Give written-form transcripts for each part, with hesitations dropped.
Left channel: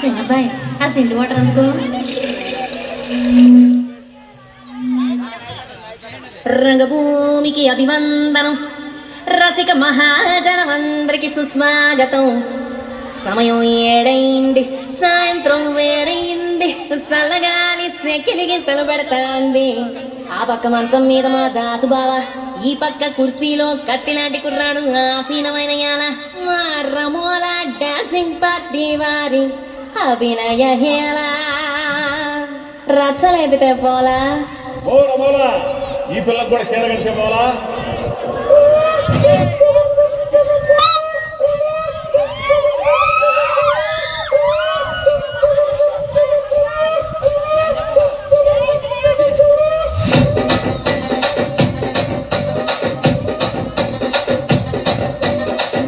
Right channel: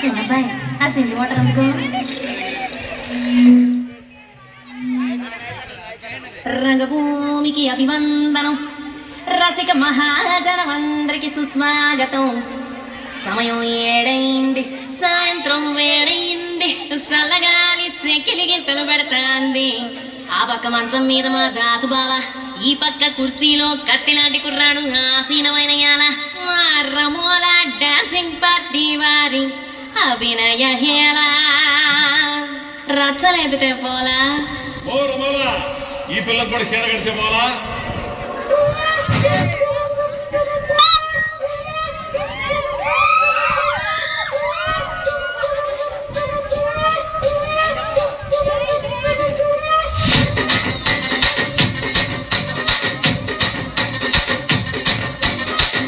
చిన్నబ్బాయి ఆ సిల్లు వాటర్ అందుకో. రంగభూమికి అభివందనం, రసిక మహాజనమందరికి సుస్వాగతం. సమయం 7 సాయంత్రం వేడయింది, సల్లగాలి సెకిలి గింతలు పెడతాంది. ఆ పక్క మంచం మీద మా దాసు బావ, ఈ పక్క కుర్సీలో కత్తిలాంటి కుర్రాడు ఆసీనమైన యాల. మా రమోల డాన్సింగ్ పార్టీ వారి అభినయ హేళ. రచ్చలేపితే పోలా, ఓ రమోలా ఈ పిల్లకు కూడా చీర కడితే పోలా.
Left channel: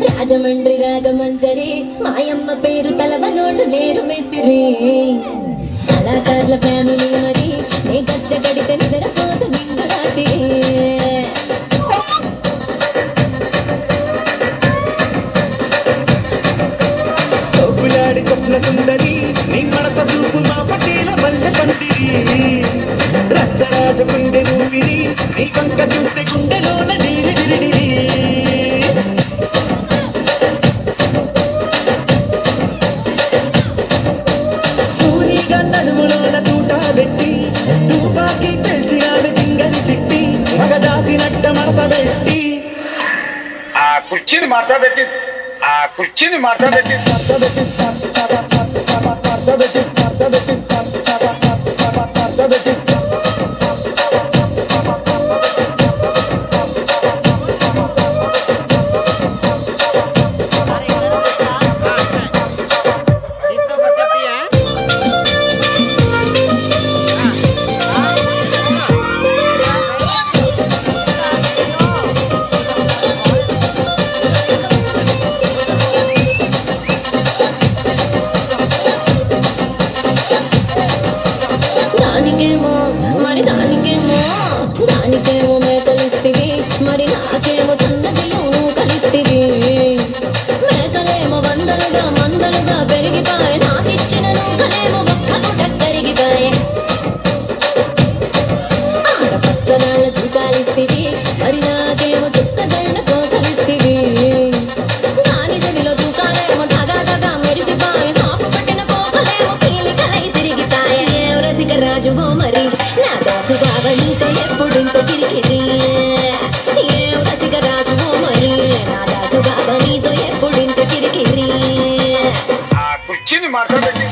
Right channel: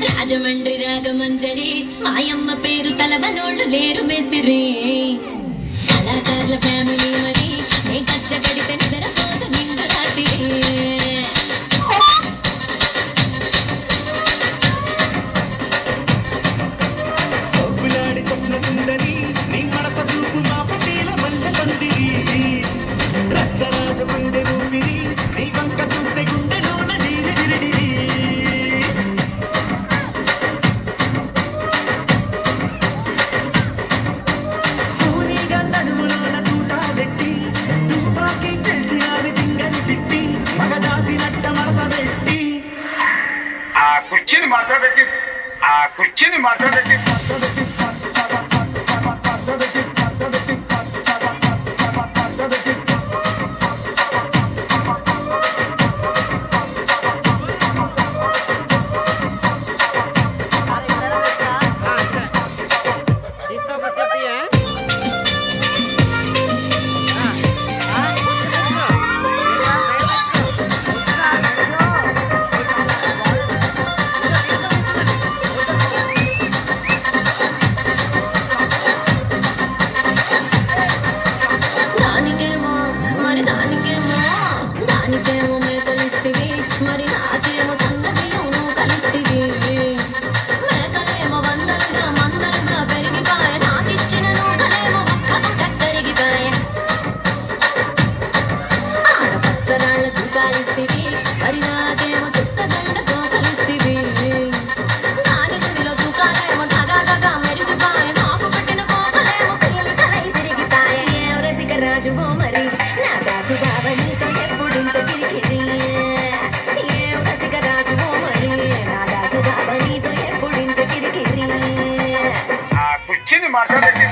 రాజమండ్రి రాగమంజరి, మాయమ్మ పేరు తలవనోళ్ళు లేరు మేస్తిరి. కళాకారుల ఫ్యామిలీ మరి, నే గచ్చ కడితే నిద్రపోతు నిండు రాత్రి. సౌకులాడి స్వప్న సుందరి, నీ మడత చూపు మా పటేల బంధ పందిరి. రచ్చరాజ గుండె ఊపిరి, నీ వంక చూస్తే గుండెలోన డీరి డిరిడిరి. పూరిగా నడుములోన తూట పెట్టి, తుపాకి పెంచి ఆమె దింగని చిట్టి, మగజాతి నట్ట మడత పెట్టి. ఆ కుర్చీని మాట్లాడబెట్టి దానికేమో మేకలిస్తివి, మరి నాకేమో సన్న బియ్యం కలిస్తివి. మేకలేమో వందలుగా మందలుగా పెరిగిపాయ, నాకిచ్చిన నూకలేమో ఒక్క పుట కరిగిపాయ. ఆడపచ్చదాళ్ళ చూకాలిస్తివి, మరి నాకేమో చుక్కదండ పోకలిస్తివి. నాని చెవిలో చూకాలేమో దగా మెరిసిపాయ, నాకు పట్టిన పోకలేమో పీలికలై సిరిగిపాయ. ఏం రసిక రాజువో మరి నా దాసు బావ, నీతో ఎప్పుడింత కిరికిరి. ఏం రసిక రాజువో మరి నా దాసు బావ, నీతో ఎప్పుడింత కిరికిరి. ఆ కుర్చీని మాట్లాడబెట్టి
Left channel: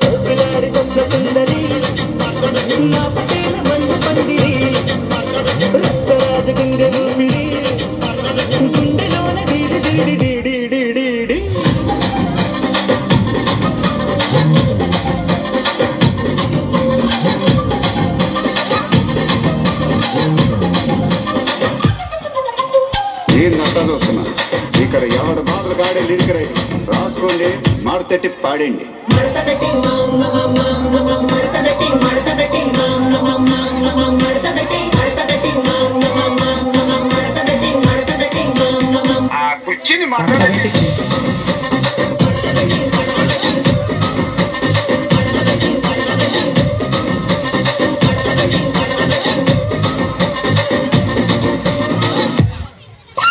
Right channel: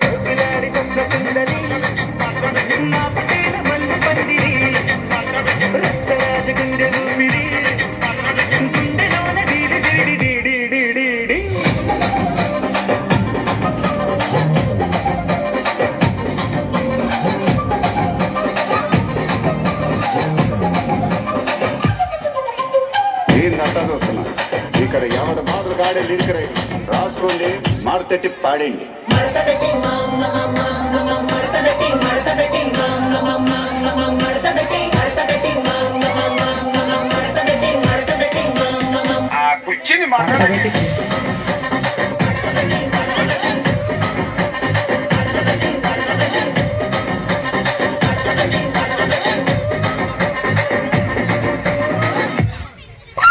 సౌకులాడి స్వప్న సుందరి, మా పటేల బంధ పందిరి. రచ్చరాజ గుండె ఊపిరి, గుండెలోన డీడి డీడి డీడి డీడి డీ. ఏందంతా చూస్తున్నా, ఇక్కడ ఎవడు బాధలు కాడే లిరిక్ రైట్ రాసుకోండి, మాడతెట్టి పాడండి. ఆ కుర్చీని మాట్లాడబెట్టి